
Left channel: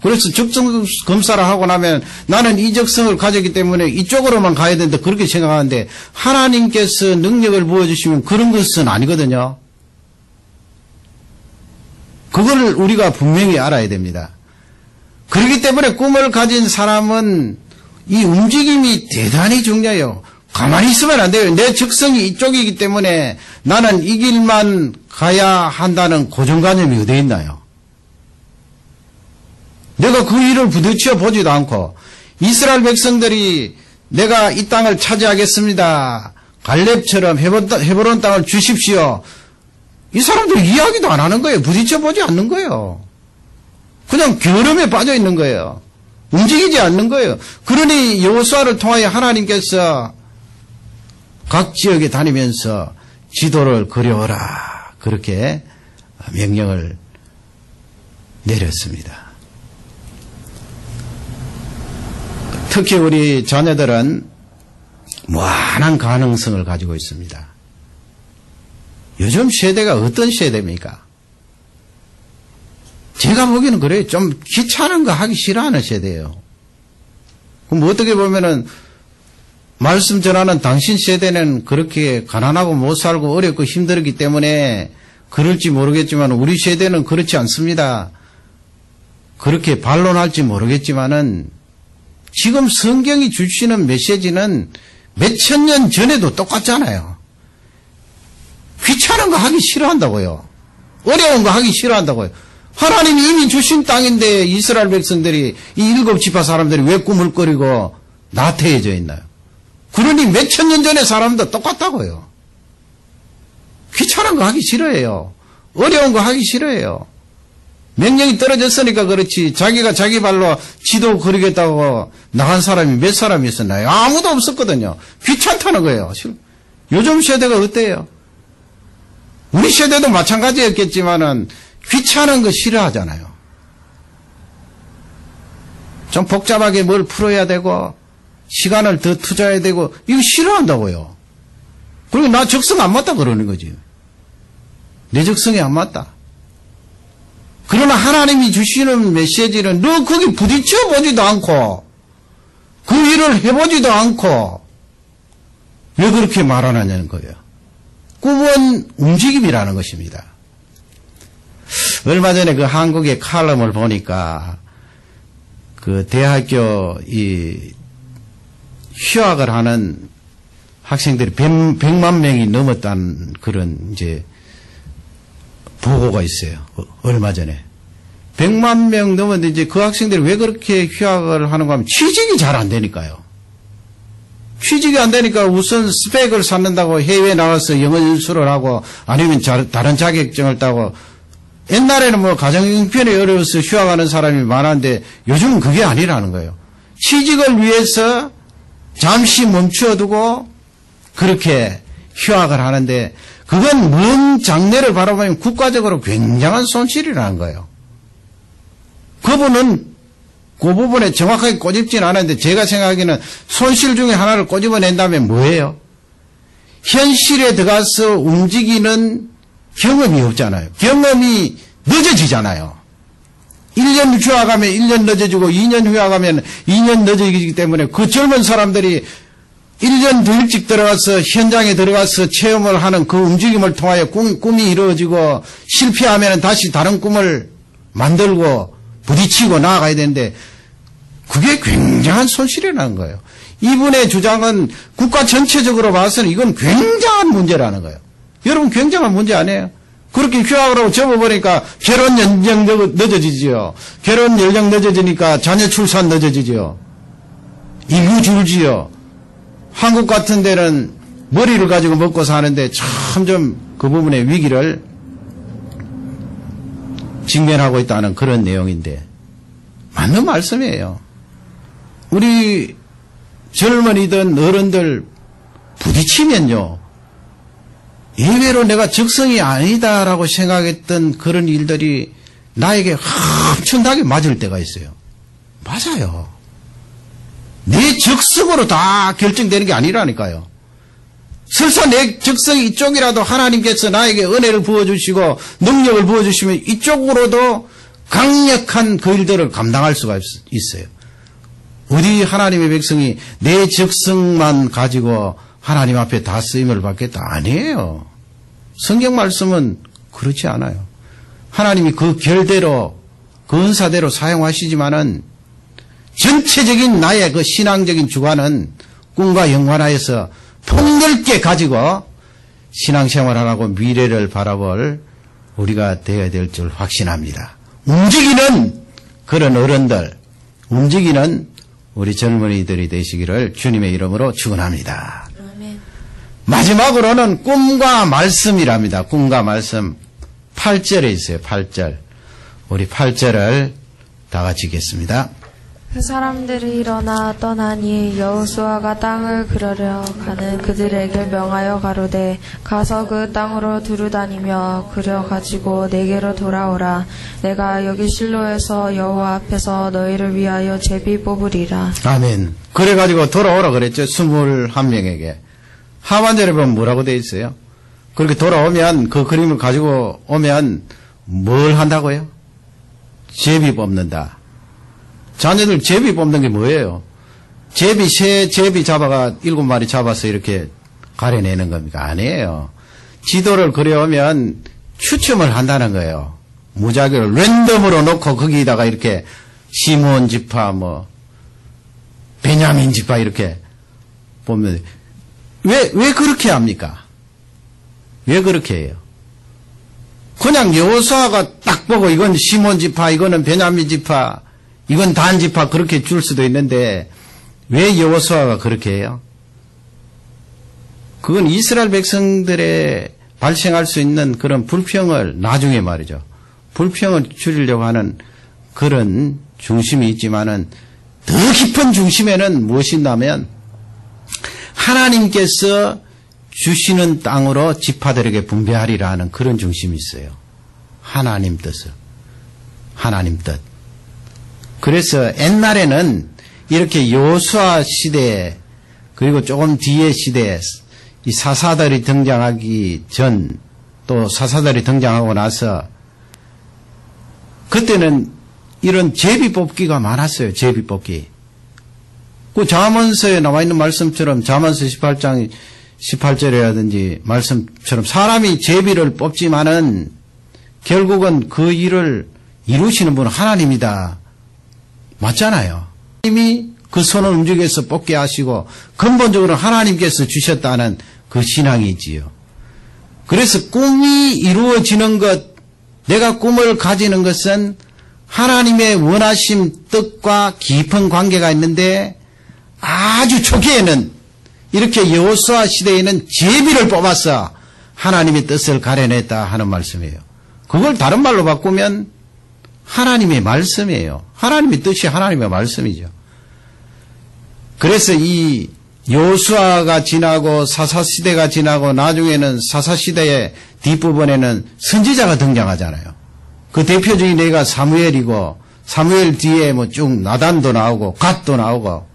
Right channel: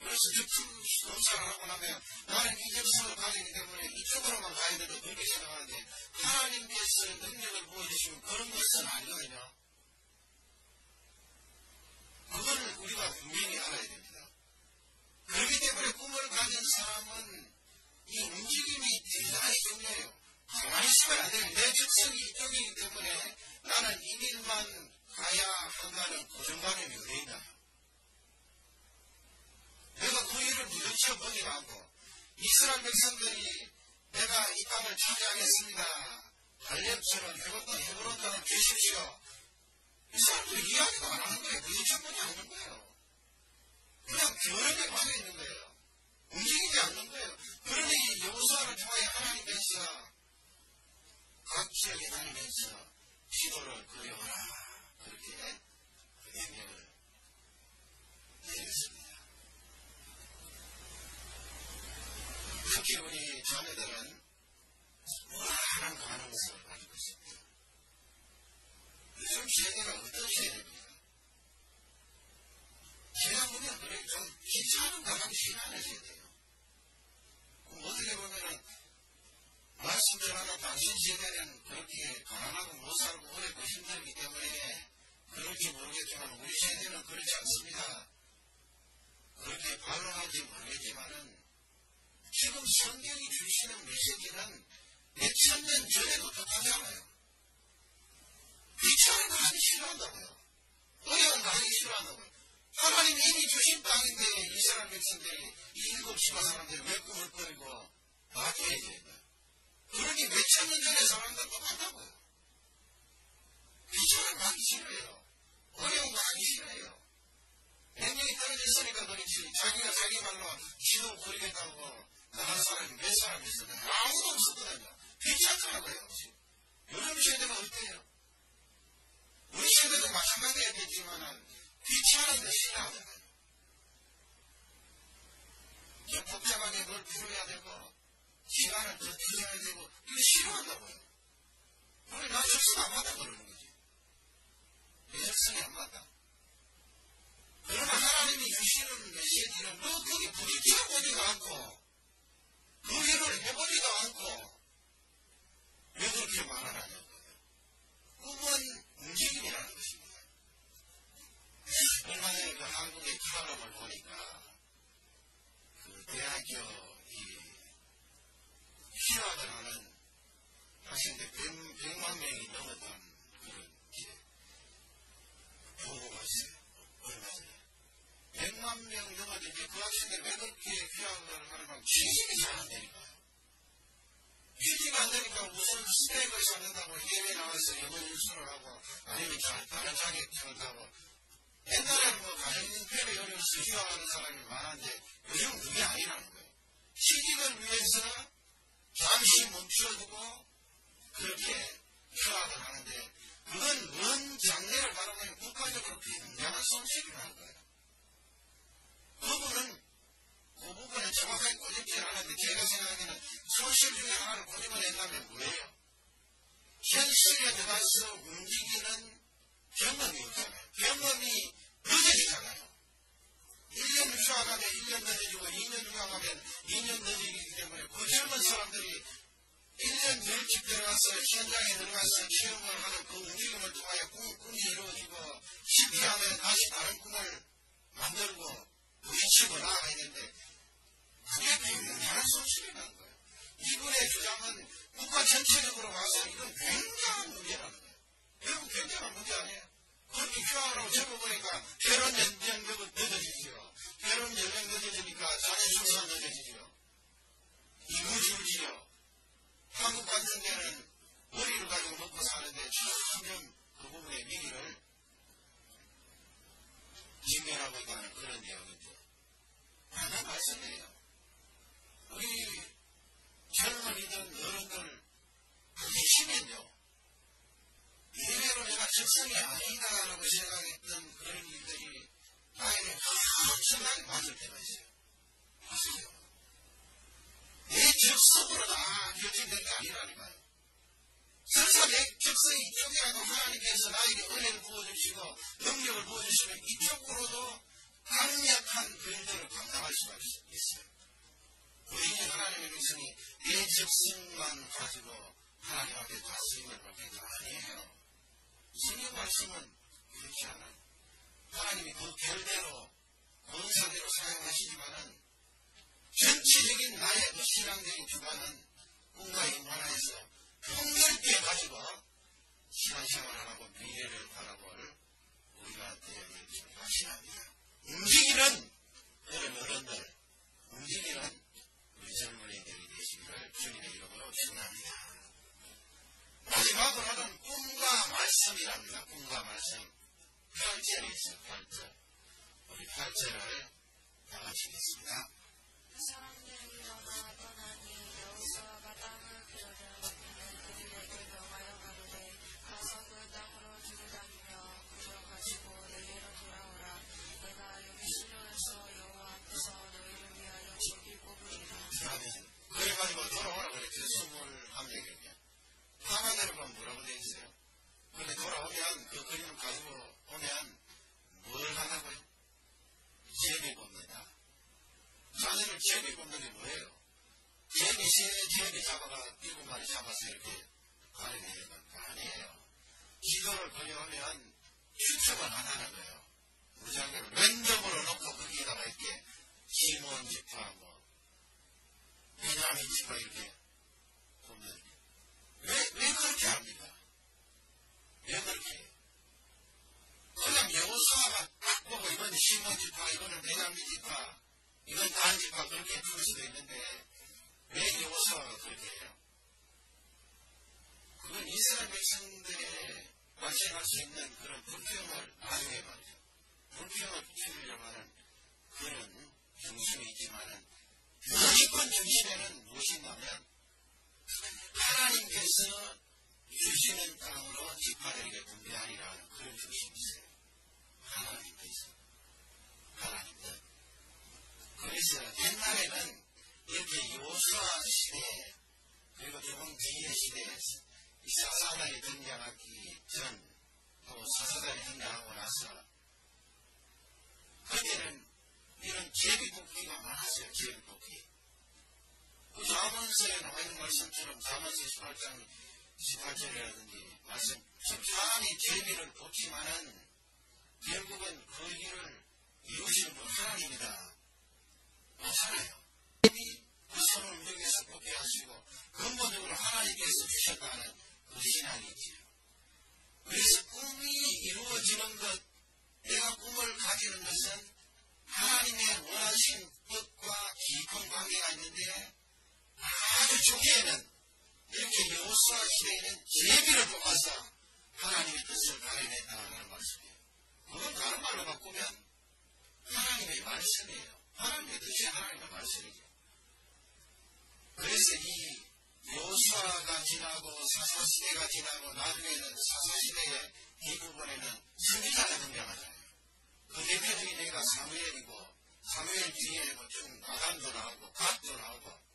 그래서 적성 검사를 하고 나면 나는 이 적성을 가졌기 때문에 이쪽으로만 가야 된다, 그렇게 생각하는데, 하나님께서 능력을 부어주시면 그런 것은 아니거든요. 그걸 우리가 분명히 알아야 됩니다. 그렇기 때문에 꿈을 가진 사람은 이 움직임이 대단히 중요해요. 가만히 있으면 안 돼요. 내 적성이 이쪽이기 때문에 나는 이 길만 가야 한다는 고정관념이 어디에 있나요? 내가 그 일을 부딪혀 보지도 않고, 이스라엘 백성들이 내가 이 땅을 차지하겠습니다, 갈렙처럼 헤브론 땅을 주십시오, 이 사람들 이야기도 안 하는 거예요. 부딪혀 보지 않는 거예요. 그냥 게으름에 빠져 있는 거예요. 움직이지 않는 거예요. 그러니 여호수아를 통하여 하나님께서 각 지역에 다니면서 지도를 그려오라, 그렇게 명령을 내렸습니다. 특히 우리 자녀들은 무한한 가능성을 가지고 있습니다. 요즘 세대가 어떤 세대입니까? 제가 보기에는 그래요. 좀 귀찮은 거 하기 싫어하는 세대예요. 그럼 어떻게 보면은 말씀 전하는 당신 세대는 그렇게 가난하고 못 살고 어렵고 힘들었기 때문에 그럴지 모르겠지만 우리 세대는 그렇지 않습니다. 그렇게 반론할지 모르겠지만은 지금 성경이 주시는 메시지는 몇천 년 전에도 똑같잖아요. 귀찮은 거 하기 싫어한다고요. 어려운 거 하기 싫어한다고요. 하나님이 이미 주신 땅인데 이스라엘 백성들이, 이 7지파 사람들이 왜 꿈을 꾸리고 나태해져 있나요? 그러니 몇천 년 전의 사람도 똑같다고요. 귀찮은 거 하기 싫어해요. 어려운 거 하기 싫어해요. 명령이 떨어졌으니까 그렇지, 자기가 자기 발로 지도 그리겠다고 나간 사람이 몇 사람이 있었나요? 아무도 없었거든요. 귀찮다는 거예요. 요즘 세대가 어때요? 우리 세대도 마찬가지였겠지만은 귀찮은 거 싫어하잖아요. 좀 복잡하게 뭘 풀어야 되고 시간을 더 투자해야 되고 이거 싫어한다고요. 그리고 나 적성 안 맞다 그러는 거지. 내 적성이 안 맞다. 그러나 하나님이 주시는 메시지는 너 거기 부딪혀 보지도 않고 그 일을 해보지도 않고 왜 그렇게 말하느냐는 거예요. 꿈은 움직임이라는 것입니다. 얼마 전에 그 한국의 칼럼을 보니까 그 대학교 이 휴학을 하는 학생들이 100만 명이 넘었다는 그런 이제 보고가 있어요. 얼마 전에. 100만 명 넘었는데 이제 그 학생들이 왜 그렇게 휴학을 하는가 하면 취직이 잘 안 되니까요. 취직이 안 되니까 우선 스펙을 쌓는다고 해외에 나가서 영어 연수를 하고 아니면 다른 자격증을 따고 옛날에는 뭐 가정형편이 어려워서 휴학하는 사람이 많았는데 요즘은 그게 아니라는 거예요. 취직을 위해서 잠시 멈추어두고 그렇게 휴학을 하는데 그건 먼 장래를 바라보면 국가적으로 굉장한 손실이라는 거예요. 그분은 그 부분에 정확하게 꼬집진 않았는데 제가 생각하기에는 손실 중에 하나를 꼬집어낸다면 뭐예요? 현실에 들어가서 움직이는 경험이 없잖아요. 경험이 늦어지잖아요. 1년 휴학하면 1년 늦어지고 2년 휴학하면 2년 늦어지기 때문에 그 젊은 사람들이 1년 더 일찍 들어가서 현장에 들어가서 체험을 하는 그 움직임을 통하여 꿈이 이루어지고 실패하면 다시 다른 꿈을 만들고 부딪히고 나아가야 되는데 그게 굉장한 손실이라는 거예요. 이분의 주장은 국가 전체적으로 봐서는 이건 굉장한 문제라는 거예요. 여러분 굉장한 문제 아니에요? 그렇게 휴학을 하고 접어버리니까 결혼 연령 늦어지지요. 결혼 연령 늦어지니까 자녀 출산 늦어지지요. 인구 줄지요. 한국 같은 데는 머리를 가지고 먹고 사는데 점점 그 부분의 위기를 직면하고 있다는 그런 내용인데 맞는 말씀이에요. 우리 젊은이든 어른들 부딪히면요. 예외로 내가 적성이 아니다라고 생각했던 그런 일들이 나에게 엄청나게 맞을 때가 있어요. 맞아요. 내 적성으로 다 결정되는 게 아니라니까요. 설사 내 적성이 이쪽이라도 하나님께서 나에게 은혜를 부어주시고 능력을 부어주시면 이쪽으로도 강력한 그 일들을 감당할 수가 있어요. 어디 하나님의 백성이 내 적성만 가지고 하나님 앞에 다 쓰임을 받겠다? 아니에요. 성경 말씀은 그렇지 않아요. 하나님이 그 결대로 그 은사대로 사용하시지만은 전체적인 나의 그 신앙적인 주관은 꿈과 연관하여서 폭넓게 가지고 신앙생활하고 미래를 바라볼 우리가 되어야 될 줄 확신합니다. 움직이는 그런 어른들, 움직이는 우리 젊은이들이 되시기를 주님의 이름으로 축원합니다. 아멘. 마지막으로는 꿈과 말씀이랍니다. 꿈과 말씀 8절에 있어요. 8절. 우리 8절을 다 같이 읽겠습니다. 그 사람들이 일어나 떠나니 여호수아가 땅을 그러려 가는 그들에게 명하여 가로되 가서 그 땅으로 두루다니며 그려 가지고 내게로 돌아오라. 내가 여기 실로에서 여호와 앞에서 너희를 위하여 제비 뽑으리라. 아멘. 그래가지고 돌아오라 그랬죠. 21명에게. 하반절에 보면 뭐라고 돼 있어요? 그렇게 돌아오면 그 그림을 가지고 오면 뭘 한다고요? 제비 뽑는다. 자녀들 제비 뽑는 게 뭐예요? 새 제비 잡아가 7마리 잡아서 이렇게 가려내는 겁니까? 아니에요. 지도를 그려오면 추첨을 한다는 거예요. 무작위로 랜덤으로 놓고 거기다가 이렇게 시므온 지파 베냐민 지파 이렇게 보면 왜 그렇게 합니까? 왜 그렇게 해요? 그냥 여호수아가 딱 보고 이건 시므온 지파, 이거는 베냐민 지파, 이건 단 지파 그렇게 줄 수도 있는데 왜 여호수아가 그렇게 해요? 그건 이스라엘 백성들의 발생할 수 있는 그런 불평을 나중에 말이죠. 불평을 줄이려고 하는 그런 중심이 있지만은 더 깊은 중심에는 무엇이 있냐면 하나님께서 주시는 땅으로 지파들에게 분배하리라 하는 그런 중심이 있어요. 하나님 뜻을. 하나님 뜻. 그래서 옛날에는 이렇게 여호수아 시대 그리고 조금 뒤의 시대에 이 사사들이 등장하기 전 또 사사들이 등장하고 나서 그때는 이런 제비 뽑기가 많았어요. 제비 뽑기. 그 잠언서에 나와 있는 말씀처럼 잠언서 18장 18절이라든지 말씀처럼 사람이 제비를 뽑지만은 결국은 그 일을 이루시는 분은 하나님이다. 맞잖아요. 하나님이 그 손을 움직여서 뽑게 하시고 근본적으로 하나님께서 주셨다는 그 신앙이지요. 그래서 꿈이 이루어지는 것, 내가 꿈을 가지는 것은 하나님의 원하심 뜻과 깊은 관계가 있는데 아주 초기에는 이렇게 여호수아 시대에는 제비를 뽑아서 하나님의 뜻을 가려냈다 하는 말씀이에요. 그걸 다른 말로 바꾸면 하나님의 말씀이에요. 하나님의 뜻이 하나님의 말씀이죠. 그래서 이 여호수아가 지나고 사사시대가 지나고 나중에는 사사시대의 뒷부분에는 선지자가 등장하잖아요. 그 대표적인 예가 사무엘이고 사무엘 뒤에 뭐 쭉 나단도 나오고 갓도 나오고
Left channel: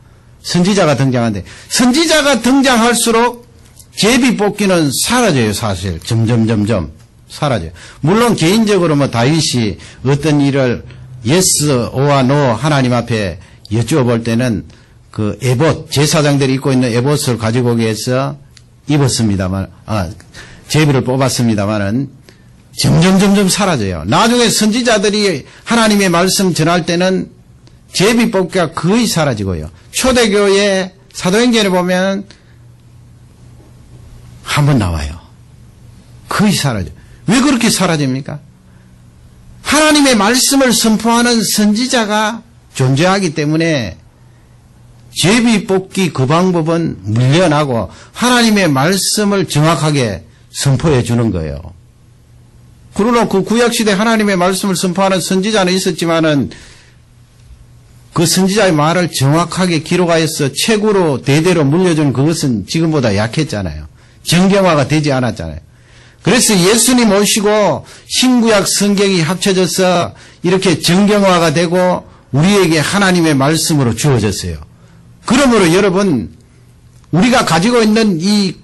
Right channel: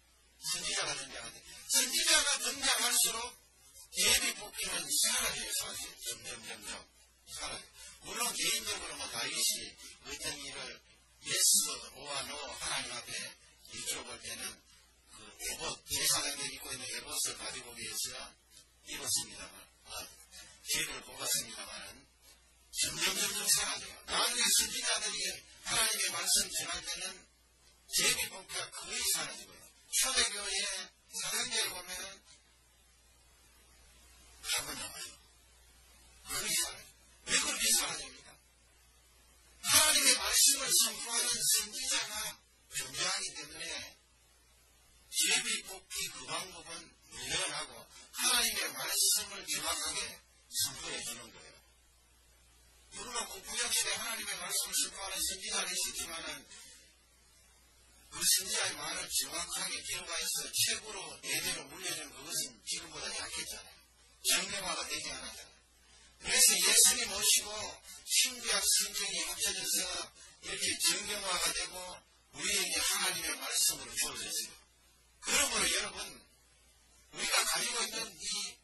선지자가 등장하는데 선지자가 등장할수록 제비 뽑기는 사라져요. 사실 점점 사라져요. 물론 개인적으로 뭐 다윗이 어떤 일을 yes, 오와 no 하나님 앞에 여쭈어볼 때는 그 에봇, 제사장들이 입고 있는 에봇을 가지고 오기 위해서 입었습니다만, 제비를 뽑았습니다만은 점점 사라져요. 나중에 선지자들이 하나님의 말씀 전할 때는 제비 뽑기가 거의 사라지고요. 초대교회 사도행전에 보면 한번 나와요. 거의 사라져요. 왜 그렇게 사라집니까? 하나님의 말씀을 선포하는 선지자가 존재하기 때문에 제비 뽑기 그 방법은 물려나고 하나님의 말씀을 정확하게 선포해 주는 거예요. 그러나 그 구약시대 하나님의 말씀을 선포하는 선지자는 있었지만은 그 선지자의 말을 정확하게 기록하여서 책으로 대대로 물려준 그것은 지금보다 약했잖아요. 정경화가 되지 않았잖아요. 그래서 예수님 오시고 신구약 성경이 합쳐져서 이렇게 정경화가 되고 우리에게 하나님의 말씀으로 주어졌어요. 그러므로 여러분, 우리가 가지고 있는 이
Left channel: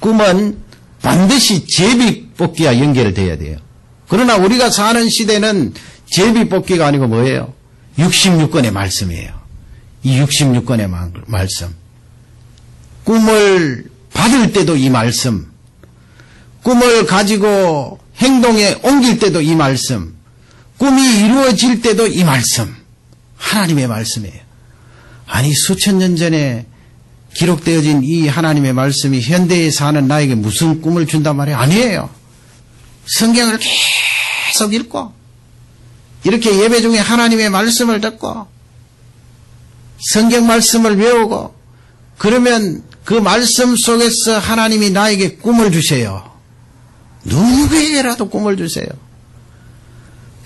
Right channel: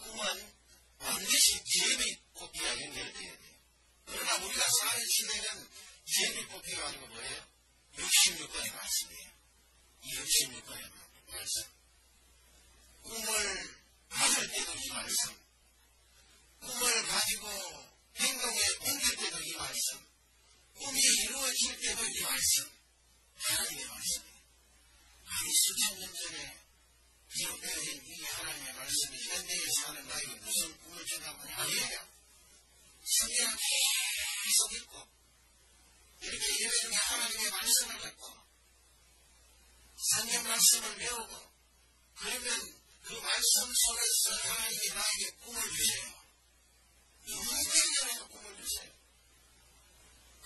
꿈은 반드시 제비 뽑기와 연결돼야 돼요. 그러나 우리가 사는 시대는 제비 뽑기가 아니고 뭐예요? 66권의 말씀이에요. 이 66권의 말씀. 꿈을 받을 때도 이 말씀, 꿈을 가지고 행동에 옮길 때도 이 말씀, 꿈이 이루어질 때도 이 말씀, 하나님의 말씀이에요. 아니 수천 년 전에 기록되어진 이 하나님의 말씀이 현대에 사는 나에게 무슨 꿈을 준단 말이에요? 아니에요. 성경을 계속 읽고 이렇게 예배 중에 하나님의 말씀을 듣고 성경 말씀을 외우고 그러면 그 말씀 속에서 하나님이 나에게 꿈을 주세요. 누구에게라도 꿈을 주세요.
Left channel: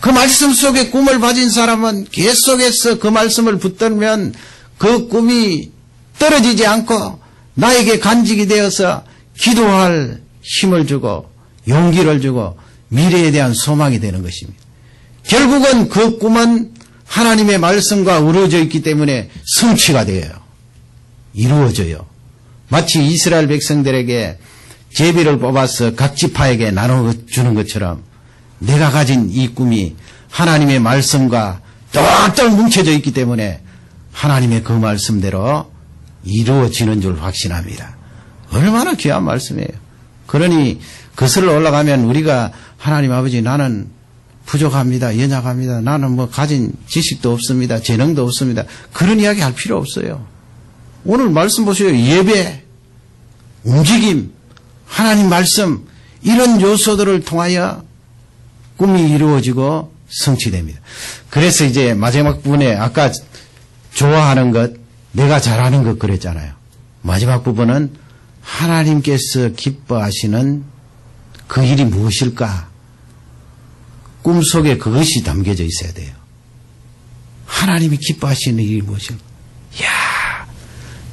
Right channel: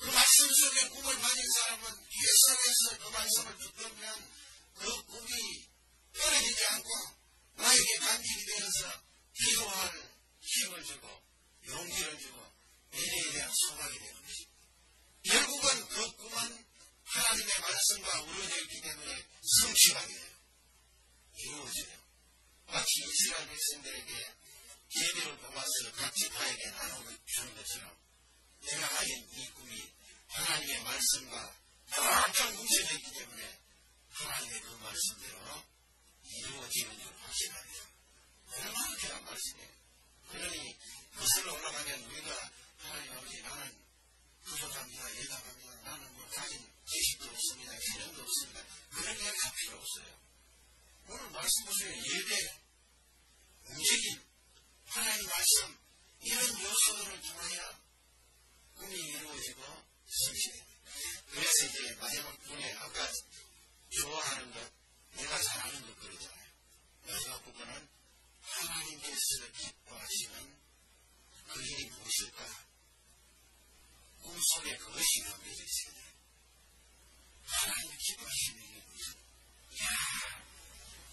그 말씀 속에 꿈을 가진 사람은 계속해서 그 말씀을 붙들면 그 꿈이 떨어지지 않고 나에게 간직이 되어서 기도할 힘을 주고 용기를 주고 미래에 대한 소망이 되는 것입니다. 결국은 그 꿈은 하나님의 말씀과 어우러져 있기 때문에 성취가 돼요. 이루어져요. 마치 이스라엘 백성들에게 제비를 뽑아서 각 지파에게 나눠주는 것처럼 내가 가진 이 꿈이 하나님의 말씀과 똘똘 뭉쳐져 있기 때문에 하나님의 그 말씀대로 이루어지는 줄 확신합니다. 얼마나 귀한 말씀이에요. 그러니 거슬러 올라가면 우리가 하나님 아버지 나는 부족합니다. 연약합니다. 나는 뭐 가진 지식도 없습니다. 재능도 없습니다. 그런 이야기 할 필요 없어요. 오늘 말씀 보세요. 예배, 움직임, 하나님 말씀 이런 요소들을 통하여 꿈이 이루어지고 성취됩니다. 그래서 이제 마지막 부분에 아까 좋아하는 것, 내가 잘하는 것 그랬잖아요. 마지막 부분은 하나님께서 기뻐하시는 그 일이 무엇일까? 꿈속에 그것이 담겨져 있어야 돼요. 하나님이 기뻐하시는 일이 무엇일까? 이야,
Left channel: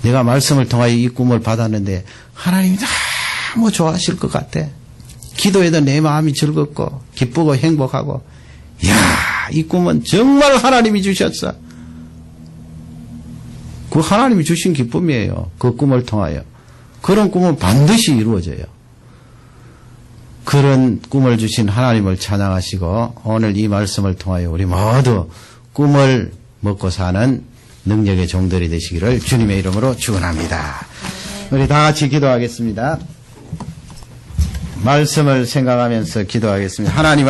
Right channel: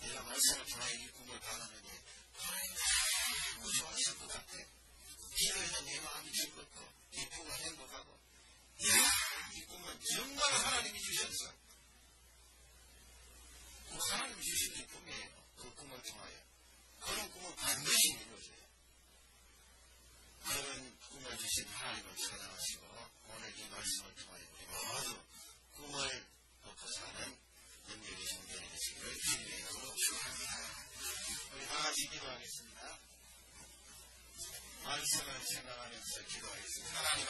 내가 말씀을 통하여 이 꿈을 받았는데 하나님이 너무 좋아하실 것 같아. 기도해도 내 마음이 즐겁고 기쁘고 행복하고 이야, 이 꿈은 정말 하나님이 주셨어. 그 하나님이 주신 기쁨이에요. 그 꿈을 통하여. 그런 꿈은 반드시 이루어져요. 그런 꿈을 주신 하나님을 찬양하시고 오늘 이 말씀을 통하여 우리 모두 꿈을 먹고 사는 능력의 종들이 되시기를 주님의 이름으로 축원합니다. 우리 다 같이 기도하겠습니다. 말씀을 생각하면서 기도하겠습니다. 하나님